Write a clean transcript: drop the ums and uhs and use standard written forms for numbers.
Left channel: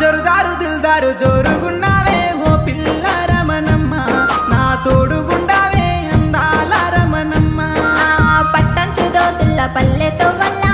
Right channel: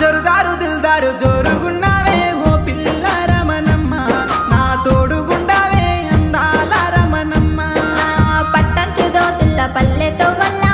జరుదారు దిల్దారు జోరుగున్నావే ఓ పిల్ల రమణమ్మ నా తోడుగుండావే అందాల రమణమ్మ పట్టంచుదో తుల్ల పల్లెతో వల్ల